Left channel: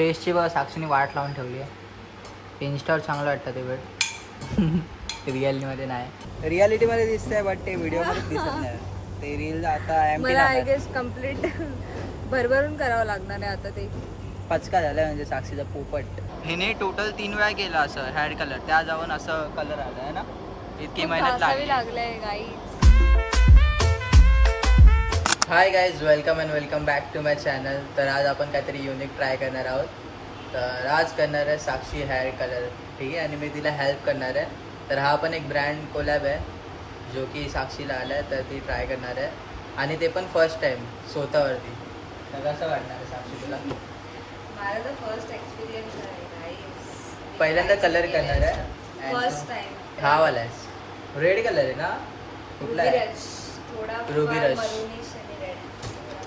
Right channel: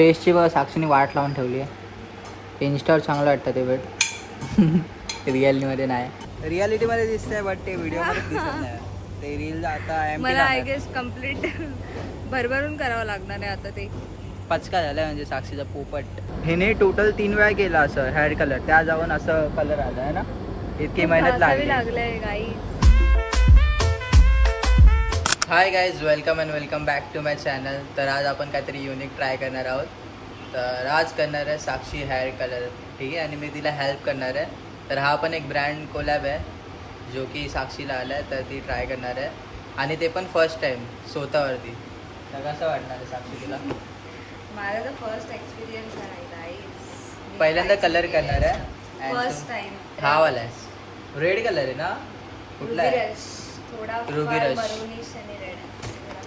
फेसची बघा साक्षीने वाट लावून ठेवली आहे. इन्स्टावर चांगलं वाटतं ते बट रियालिटीमध्ये नाही. रियालिटीमध्ये दिसतंय बट ते व्हिडिओमध्ये दिसत नाही. ते रील आता एम मला आय गेस कंप्लीट भरभरून करावं लागणार आहे आता ते. पचका झाला म्हणजे साक्षीचा पोपट. हिने टोटल तीन वेळा केला असं हेअर कलर त्या जाऊन असं कलर आला आहे ना? इतकी मेहनत लागली. लागलंय guy hi guys welcome and welcome back to my channel तर आज आपण काहीतरी युनिक ट्राय करणार आहोत. तर आज करणार आहे साक्षी हेअर कलर ठीक आहे? आणि मी तिला हेल्प करणार आहे. तर हा पण एक ब्रँड कोलॅब आहे जो की साक्षीला आला आहे तर ती ट्राय करणार आहे. आणि ते पण फर्स्ट टाईम स्वतःवरती. तर कसं वाटणार आहे साक्षी तुला? मला तर फर्स्ट एक्सपिरियन्स आहे पहिल्यांदा कलर करणार आहे. फर्स्ट टाइम हा वाला आहे रेड कलर आहे ना? कुठला आहे? Rush. मरुनिश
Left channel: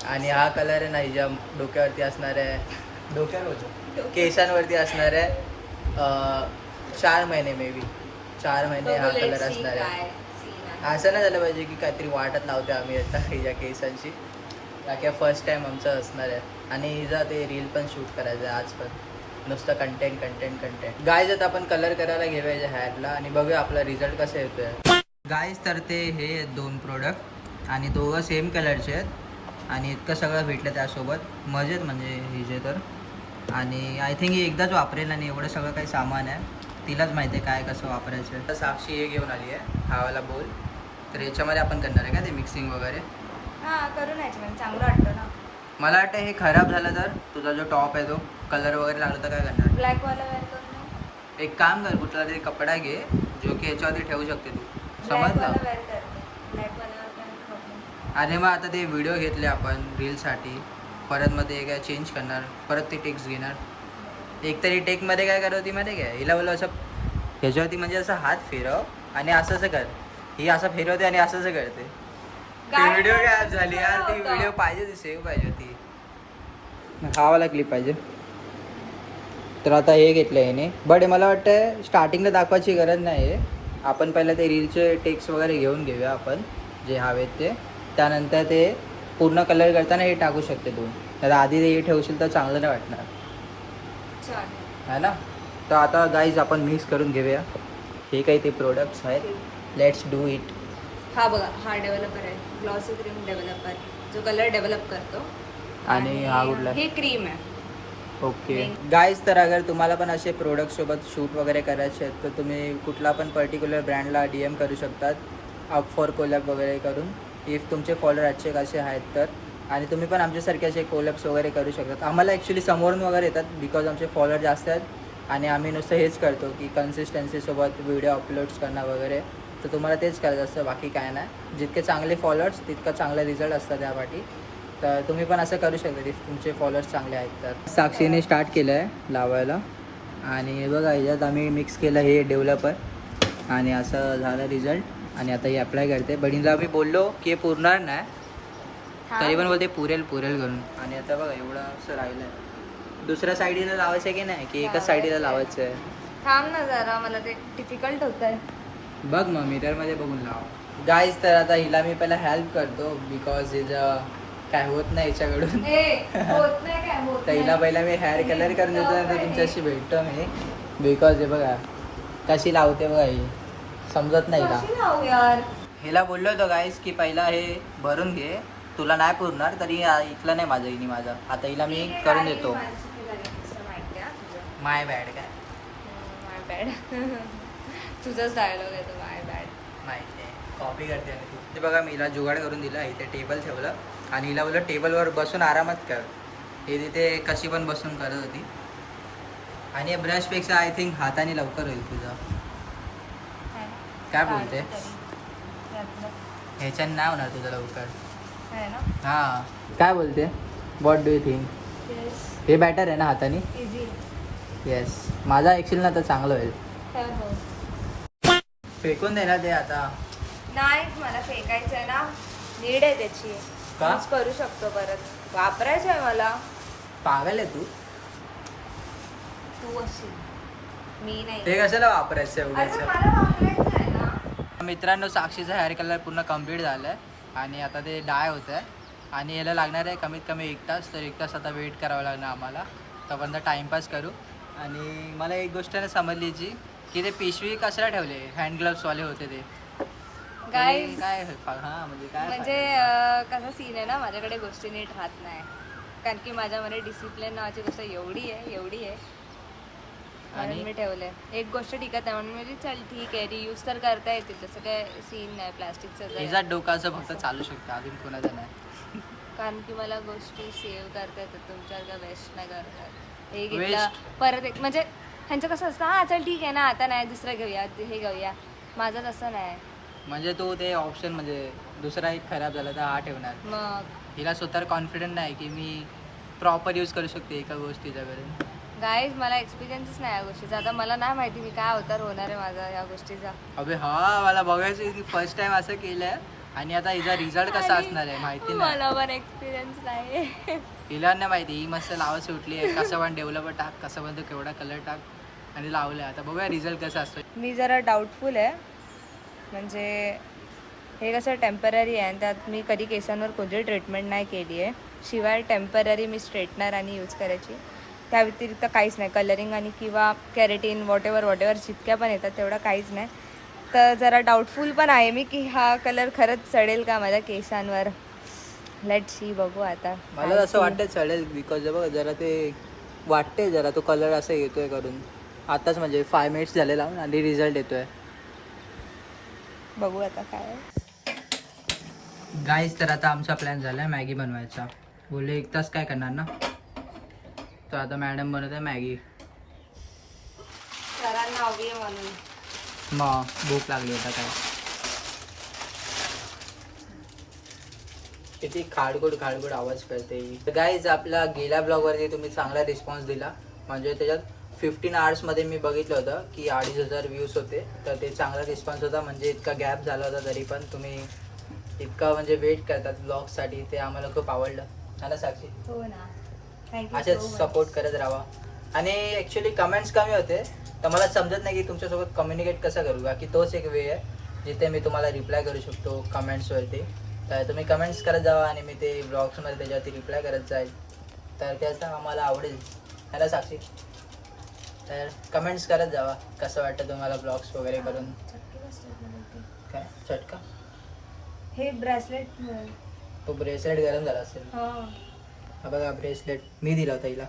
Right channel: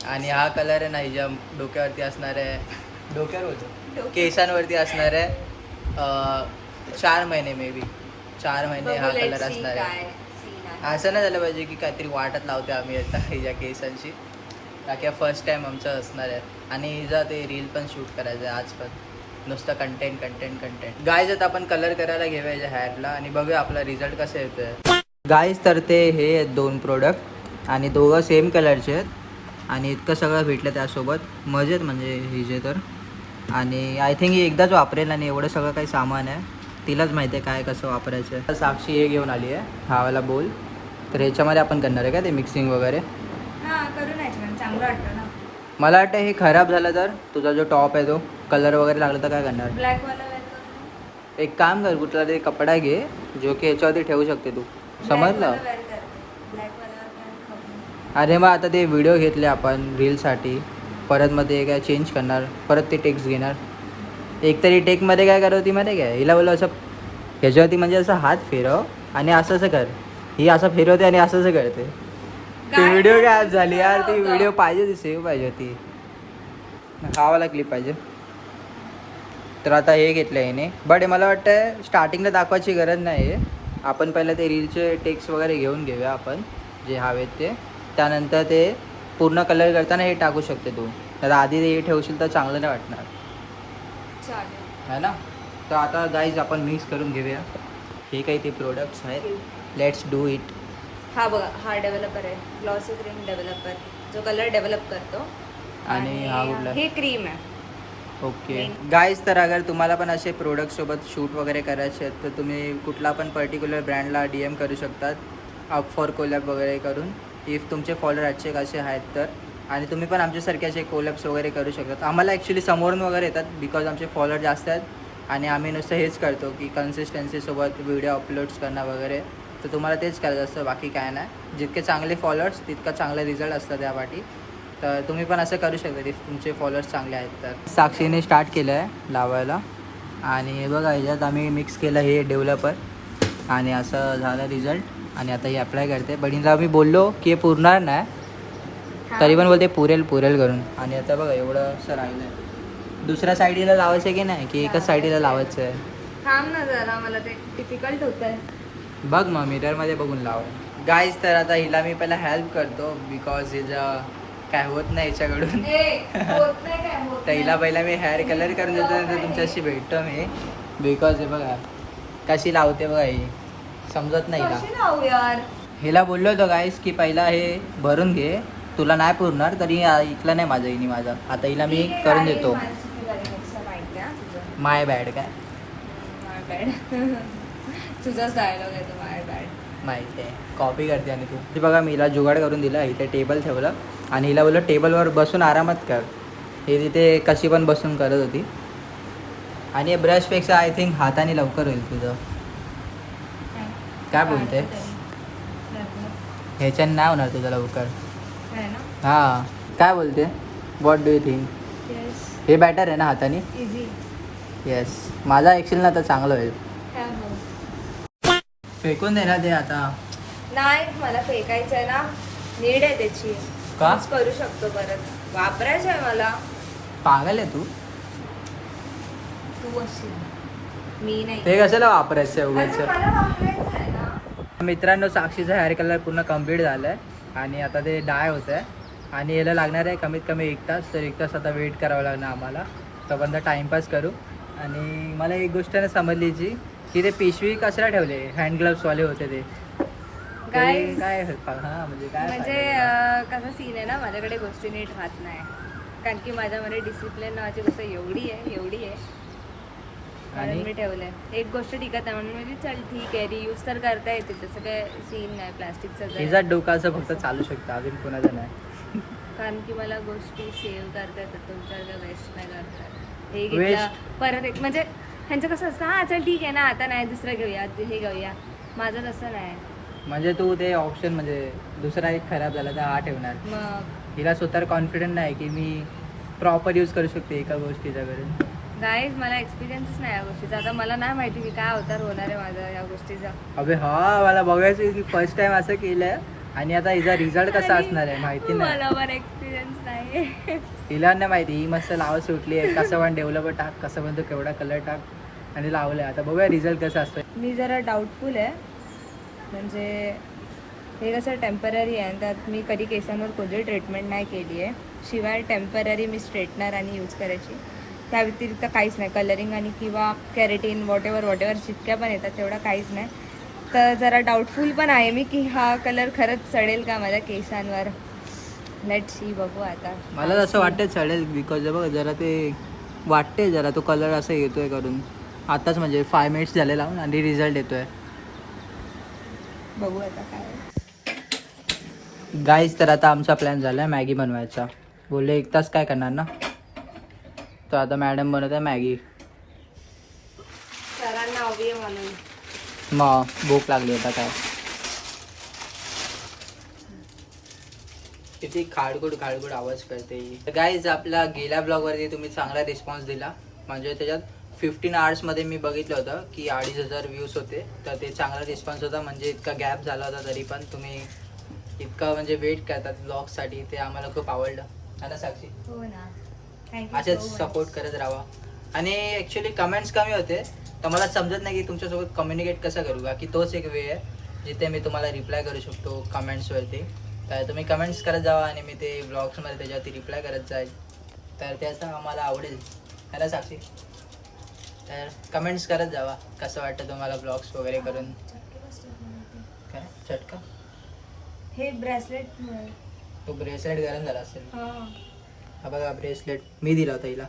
आणि हा कलर आहे ना हिच्या डोक्यावरती असणार आहे. डोक्यावर होतो? केसांवरती असणार आहे. चार महिने मे बी चार महिने हा कलर असणार आहे. असं नाही झालं पाहिजे की काहीतरी वाटत लावते आम्ही आता हिच्या केसांची बाकी फर्स्ट टाइम आमचं असणार आहे. आणि हिचा ते रील पण शूट करायचं आहे आज पण. नुसतं कंटेंट कंटेंट कंटेंट गायज आता आपण कलर करायला घेऊया याच्या हेअरला आणि बघूया आपला रिझल्ट कसं येतोय. गायज तर ते हे दोन प्रोडक्ट आणि दोघं सेम कलरचे आहेत. आणि इतकं सगळं भेटलं त्यासोबत. मजेत म्हणजे हिजे तर. आणि आय थिंक ही एकदाच वापरेल आणि एवढं सगळं काही सामान आहे. तिलाच माहिती आहे काय कसं वापरायचं आहे. तर साक्षी हे घेऊन आली आहे. हा वाला बोल तर याच्यामध्ये आपण करणार आहे का ते मिक्सिंग वगैरे? हा म्हणजे चांगलं वाटतं ना. मला वाटतं हे खराब झालं तर तुझा जो टॉप आहे तो कलर वगैरे लागला तर काय करणार? एक काम कर कुठला तरी कपडा घे जो की याच्यावरती ठेवू शकते तू. समजलं वाला wear कर. Black वाला आपण अरे मग आता ते व्हिडिओ घेतले आपण रीलसाठी परत मग ते काय चेंज करणार? परत ते टेक्स घेणार. एक तरी टेकमध्ये काय करवती माहिती काय? हिला बोललो असं ह्याच्यावरती म्हणजे असं हात फिरव आणि असं असं कर. ही असं फिरवते आणि असं असं करते. ती व्हिडिओ? काय झाली यार. ती? व्हिडिओ पाहिजे ती सेव्ह पाहिजे होती. हा वाला क्लिप पाहिजे. तर आता हे घेतलं आहे याने बट मला वाटतं स्टार्टिंगला दाखवायची गरज नाही आहे आपण पहिलं ते रीलचे टेक्स वगैरे घेऊन घेऊया आपण. जे हवेत ते. त्यानंतर ते पूर्ण कलर करताना हे टाकू शकते तू. तर आधी ते हे ठेवशील तर चांगलं नाही वाटणार. चालेल. है ना? तर आता गाईज आपण मिक्स करून घेऊया. हे काही ते प्रोडक्ट्स आहेत. लेट्स डू इट हा बघा हा डेव्हलपर आहे. ग्लॉसी क्रीम डेव्हलपर जो कलर डेव्हलप करतो. आणि हा कुठला? हे क्रीम आहे. ओके गाईज तर अगर तुम्हाला पण असे प्रोडक्ट सोबत शूट वगैरे करायचे आहेत तर तुम्ही कुठला पण पर्टिक्युलर ब्रँडला डी एम करू शकतात. अप फॉर कोलॅब वगैरे करून. इफ तुमचे फॉलोअर आजचे कसे आहेत तर. आणि तुम्ही पण आमच्यासारखे असे कोलॅप्स वगैरे करू शकतात. आम्हाला ॲक्च्युली समोरून वगैरे येतात बिकॉज आमचे फॉलोअर जास्त आहेत. आणि आम्ही नुसतं हेच करतो की कन्सिस्टन्सीसोबत व्हिडिओ अपलोड्स करणं वगैरे. तर तुम्हाला तेच करायचं असतं बाकी काय नाही. जितके चांगले फॉलोअर्स तितका चांगला रिझल्ट असतात त्यापाठी. तर तुम्ही पण असं करू शकता इफ तुमचे फॉलोअर्स चांगले आहेत तर. साक्षीने स्टार्ट केलं आहे लावायला. आणि बघा ह्याच्यात आम्ही मिक्स केलं हे डेव्हलपर आणि असं झालं रिझल्ट आणि आता हे अप्लाय करते बहिणीला मी बोललो की हे पुरणार नाही. तरी पण बोलते पुरेल पुरेल करून. आणि आता बघा एवढं असं राहिलं दुसऱ्या साईडला लावायचं आहे की नाही? की एकाच साईडला लावायचं आहे थांब ना जरा मला ते डिफिकल्ट होत आहे बघ मग मिररमध्ये बघून लाव. गाईज तर आता हिला मी पहिला हेल्प करतो बिकॉज हिचं काय होत नाही याच्याकडून. तर हिला पहिला मी हेअर कलर करून देतो नंतर तुमच्याशी भेटतो मी. बिकॉज हे बघा कशी लावते बघा ही. समजत नाही हिला यार? हिला बोललो होतो गाईस की पहिला हे भरून घे. तुला नाही पुरणार तरी ऐकलं नाही माझं हिने माझं. आता हिला मी करून देतो. माय बॅड काय? माय बॅड तुझाच डायलॉग आहे तो माय बॅड माहिती आहे. कॉपी करते आणि तू. ते बघा मी हिला जुगाड करून दिला. इथे टेबल ठेवलं. आणि हिला बोललं टेबलवर बसून आरामात कर. हे तिथे कशी पण बसून करत होती. आणि ब्रशपेक्षा आय थिंक हाताने लवकर होईल तुझं. काय बोलते? ह्याच्याने नाही होणार तुझं लवकर. है ना हां काय बोलते? वॉट डू यू थिंक हे बॅटर आहे ना हाताने? येस माझा ॲक्च्युली आता चांगलं होईल फेकून दे ना ते आता. नाही मला फेकायचं ना. नीड आहे त्याची. का? करू शकतो परत. वापरायचं आहे मला. पागल आहे तू. तू अशी. मी नाही. ते कशाला वापरायचं अरे उगाच मला वापरायचं आहे ना मित्रांनो साक्षीचा हेअर कलर पूर्ण कंप्लीट झालं आहे आणि आता ते डाय होत आहे आणि याला लागणार आहे कमीत कमी एक तास. तर एक तास आता वेट करावं लागणार आम्हाला. तोपर्यंत टाइमपास करू. आणि मला एक गोष्ट नाही समजली जी की ते पिशवी कशाला ठेवले? हँड ग्लव्सवाले होते ते. काय हा म्हणजे काय म्हणजे कसा सीन आहे ना माझ्याकडे गोष्टी नीट राहत नाही. कारण की माझ्यामध्ये डिसिप्लिन नावाची गोष्ट एवढी आहे एवढी आहे. आणि मी ठेवलंय. एक गोष्ट टिकत नाही म्हणून मी चल ठीक आहे रियूज तर करता येते तसं काय सीन नाही प्लास्टिकचं हिचा डोकाचं फक्त चालू शकतं अजून कोणाचं नाही. कारण की मला गोष्टी सेव्ह करता येतात तुमच्या वेस्ट नाही करतात हे? घेतलं परत एक म्हणजे ह्यांचं कसं असतं हा चल ठीक आहे ना आता नाही दुसरं घेऊया हे घेऊया. माझं तसं नाही. म्हणजे तू ते ऑप्शन म्हणजे दुसरा एक खराब झाला तर हा ठेवणार. मग? हिला स्वतःवर कॉन्फिडंट नाही की मी प्रॉपर यूज करू शकते एका गोष्टीचा करून गाईज मला एक्सपिरियन्सच नाही या गोष्टीचा. आता मला नाही माहिती मी काय अवतार होणार आहे माझा या गोष्टीचा. अबे हा मला बघायचं फर्स्ट टाइम असं केलंय आणि आता हिचा रिझल्ट कसा असणार आहे माहिती नाही. मला पण एक्सपिरियन्स नाही हिला नाही माहिती ही मस्त लावत सुटली आहे. कसं पण डेव्हलपर टाक कसं पण तो केवढा कलर टाक आणि लावलंय. आता बघूया रिझल्ट कसा असतो मी जरा डाऊटफुल आहे. म्हणजे हे कसं टेंपररी आहे आणि त्यात मी कधी केसांवर कोणती ट्रीटमेंट नाही केली आहे. शिवाय टेंपररी मी स्ट्रेटनर आणि यूज करायची. त्या व्यतिरिक्त काहीच नाही. कलरिंग आणि किंवा keratin whatever whatever जितक्या पण येतात तेवढा काहीच नाही. तर जरा डाऊटफुल पण आहे मी की हा कलर खरंच चढेल का माझ्या केसांवर? लेट सी बघू आता. मला असं वाटते चालेल बिकॉज बघ जरा ते वाटते जरा तो कलर असं येतोय करून. आताच म्हणजे फाय मिनिट्स झालेला आणि रिझल्ट येतोय. बघू आता काय गाईज तर आता आमचा प्लॅन झाला आहे मॅगी बनवायचा. बोलले एक तास काय करणार ना? तर आता मॅडम बनवत आहे मॅगी मग भूक लागली आता काय. किती खाडगुड खाडगुड आवाज करते गाईज आपला गेल्या ब्लॉगवरती तुम्ही चांगला रिस्पॉन्स दिला. म्हणजे त्याच्यात फिफ्टीन आवर्समध्ये मी बघितलं होतं की अडीच हजार व्ह्यूज होते. तर ते चांगला रिस्पॉन्स होता. म्हणजे इतका गॅप झाला होता तरी पण तुम्ही इतका म्हणजे वेट करतात ब्लॉगसाठी ते आम्हाला खूप आवडलं. साक्षी? हो ना. असेच सपोर्ट करत राहा आणि ॲक्च्युली कमेंट्स कमी होते तर मला समजत नाही की तुमच्यासोबत कम्युनिकेट कसं करू का की तोच एक वे आहे जिथे मी तुम्हाला रिप्लाय करू शकतो कमेंट्सवरती तर तुम्ही कमेंट्स करत जावा आणि मी ते ब्लॉग्समध्ये त्याच्यावरती रिप्लाय करत जाईल. तर त्याचं आम्हाला आवडेल. ह्याला साक्षी. तर कमेंट्स करत जावा कसं वाटतं तुम्हाला ब्लॉग्स वगैरे करून? काय? चटका? हे ब्रेसलेट तो ब्रेसलेट गरम झाला असेल. हा बघा ब्रेसलेट मी दिला होता हिला.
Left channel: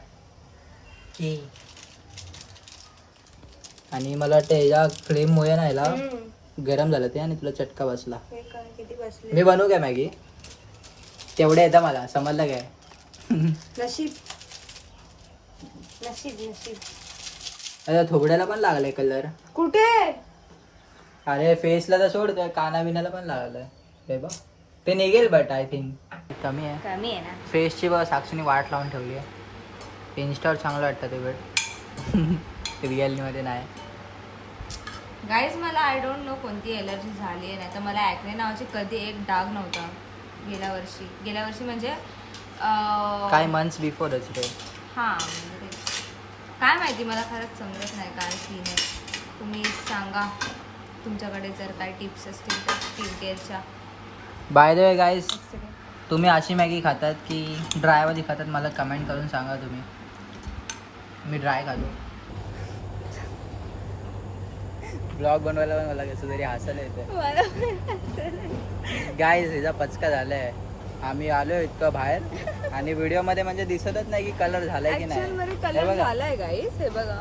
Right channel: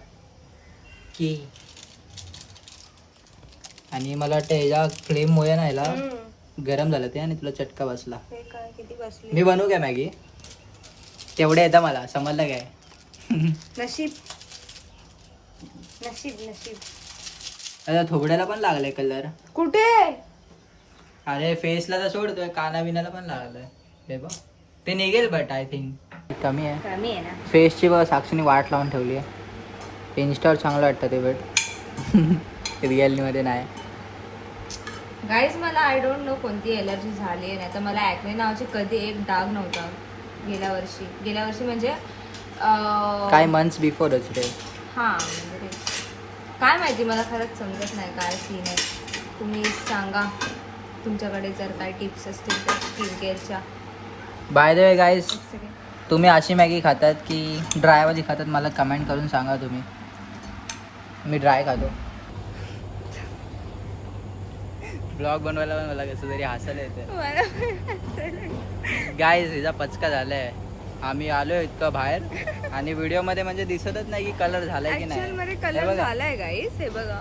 की. आणि मला वाटतं ह्याच्या फ्लेममुळे ना ह्याला गरम झालं ते आणि तुला चटका बसला. किती बसले? मी बनवू काय मॅगी? तेवढे येतं मला समजलं काय? नशीब. नशीब नशीब. आता थोबड्याला पण लागलाय कलर कुठे? अरे फेसला तर सोडतोय काना बिनाला पण लागलाय. हे बघ. ते निघेल बट आय थिंक कमी आहे. कमी आहे ना. फेसची बघ साक्षीने वाट लावून ठेवली आहे. इन्स्टावर चांगलं वाटतं ते बट रिअलमध्ये नाही. गाईज मला आय डोंट नो कोणती एलर्जी झाली आहे नाही तर मला ॲक्ने नावाचे कधी एक डाग नव्हता गेल्या वर्षी. गेल्या वर्षी म्हणजे काय मंथ्स बिफोरच रे. हां म्हणजे. काय माहिती मला खरंच समजत नाही काय सीन आहे. तुम्ही सांगा. तुमच्याकडे जर काय टिप्स असतील तर स्किन केअरच्या बाय द वे गाईज तुम्ही अशी मॅगी खातात की ड्रायवाली खातात मला कमेंट करून सांगा तुम्ही. मी ड्राय खातो. ब्लॉग बनवायला पण मला कसं तरी हसायला येतं. गाईज हिचा पचका झालाय. आम्ही आलो इतकं बाहेर. आणि व्हिडिओमध्ये म्हणजे दिसतच नाही की कलर झालाय की नाही. कलर. झालाय गाईज हे बघा.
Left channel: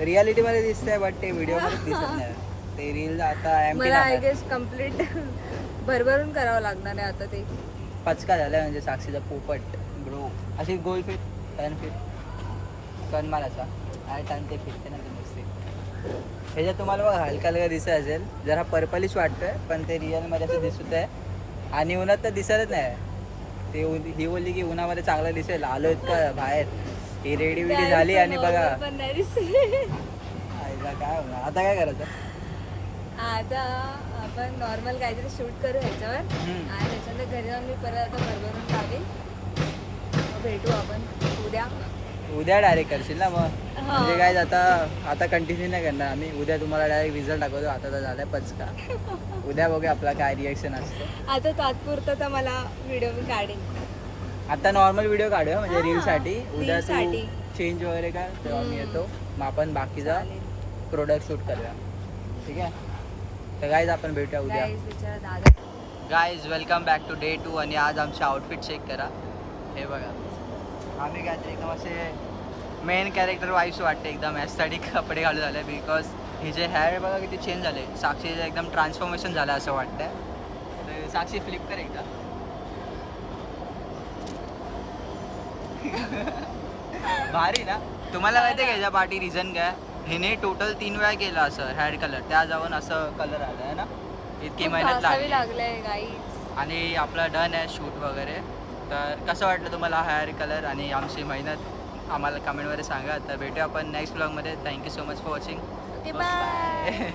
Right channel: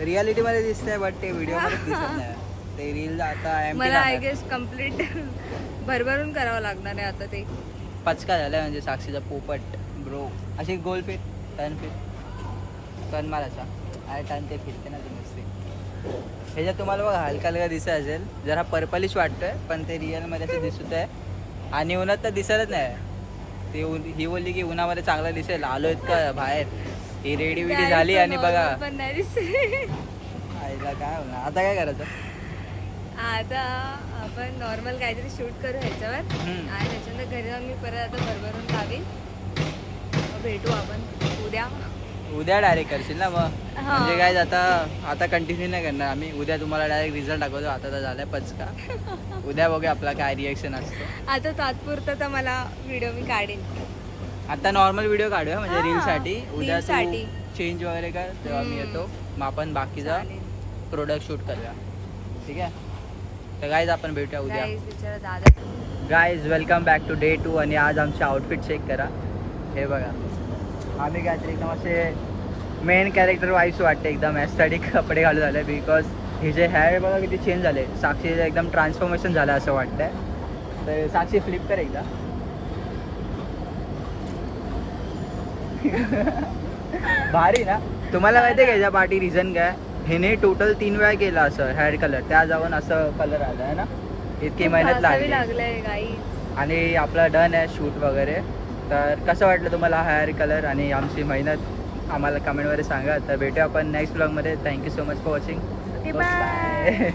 रियालिटी मध्ये दिसतंय बट ते व्हिडिओमध्ये दिसत नाही. ते रील आता मला आय गेस कंप्लीट भरभरून करावं लागणार आहे आता ते. पचका झालाय म्हणजे साक्षीचा पोपट ब्रो. अशी गोल फिट टर्न फिट टर्न मारायचा. आणि टर्न ते फिरते ना ते नुसते. ह्याच्यात तुम्हाला बघा हलका हलका दिसत असेल. जरा पर्पलिश वाटतोय पण ते रिअलमध्ये असं दिसत आहे. आणि उन्हात तर दिसतच नाही. ते ही बोलली की उन्हामध्ये चांगलं दिसेल. आलो इतकं बाहेर. ही रेडी विडी झाली आणि बघा. आईला काय होणार? आता काय करायचं? आता आपण नॉर्मल काहीतरी शूट करू ह्याच्यावर. आणि त्याच्यानंतर घरी जाऊन मी परत आता भरभरून लावीन. मग भेटू आपण. उद्या. उद्या डायरेक्ट करशील ना मग. म्हणजे काय आता आता कंटिन्यू नाही करणार आम्ही. उद्या तुम्हाला डायरेक्ट रिझल्ट दाखवतो. आता तर झालाय पचका. उद्या बघूया आपला काय रिएक्शन असतं. आता तात्पुरतं तर मला व्हिडिओ मी काढेन. आता नॉर्मल व्हिडिओ काढूया म्हणजे रील साठी. उद्या चेंज वगैरे कर तेव्हा मी. येतो. मग आपण बाकीचा प्रोडक्ट शूट करूया. ठीक आहे? तर गाईज आपण भेटूया उद्या. Guys welcome back to day two आणि आज आमचे आउटफिट चेक करा. हे बघा. आम्ही काहीतरी एकदम असे मेन कॅरेक्टर वाईज वाटते एकदम. ॲस्थेटिक कपडे घालून झाले बिकॉज हे जे हेअर बघा किती चेंज झाले. साक्षीचं एकदम ट्रान्सफॉर्मेशन झालं असं वाटतंय. तर साक्षी फ्लिप कर एकदा. भारी ना? तुम्हाला माहिती आहे का याच्या पाठी रिझन काय? हिने टोटल तीन वेळा केलं असं हेअर कलर त्या जाऊन असं कलर आला आहे ना? इतकी मेहनत लागली. आणि आपला डन आहे शूट वगैरे. तर कसं वाटलं तुम्हाला हेअर कलर आणि आमची मेहनत? आम्हाला कमेंटमध्ये सांगा. तर भेटूया आपण नेक्स्ट ब्लॉगमध्ये thank you so much for watching. Bye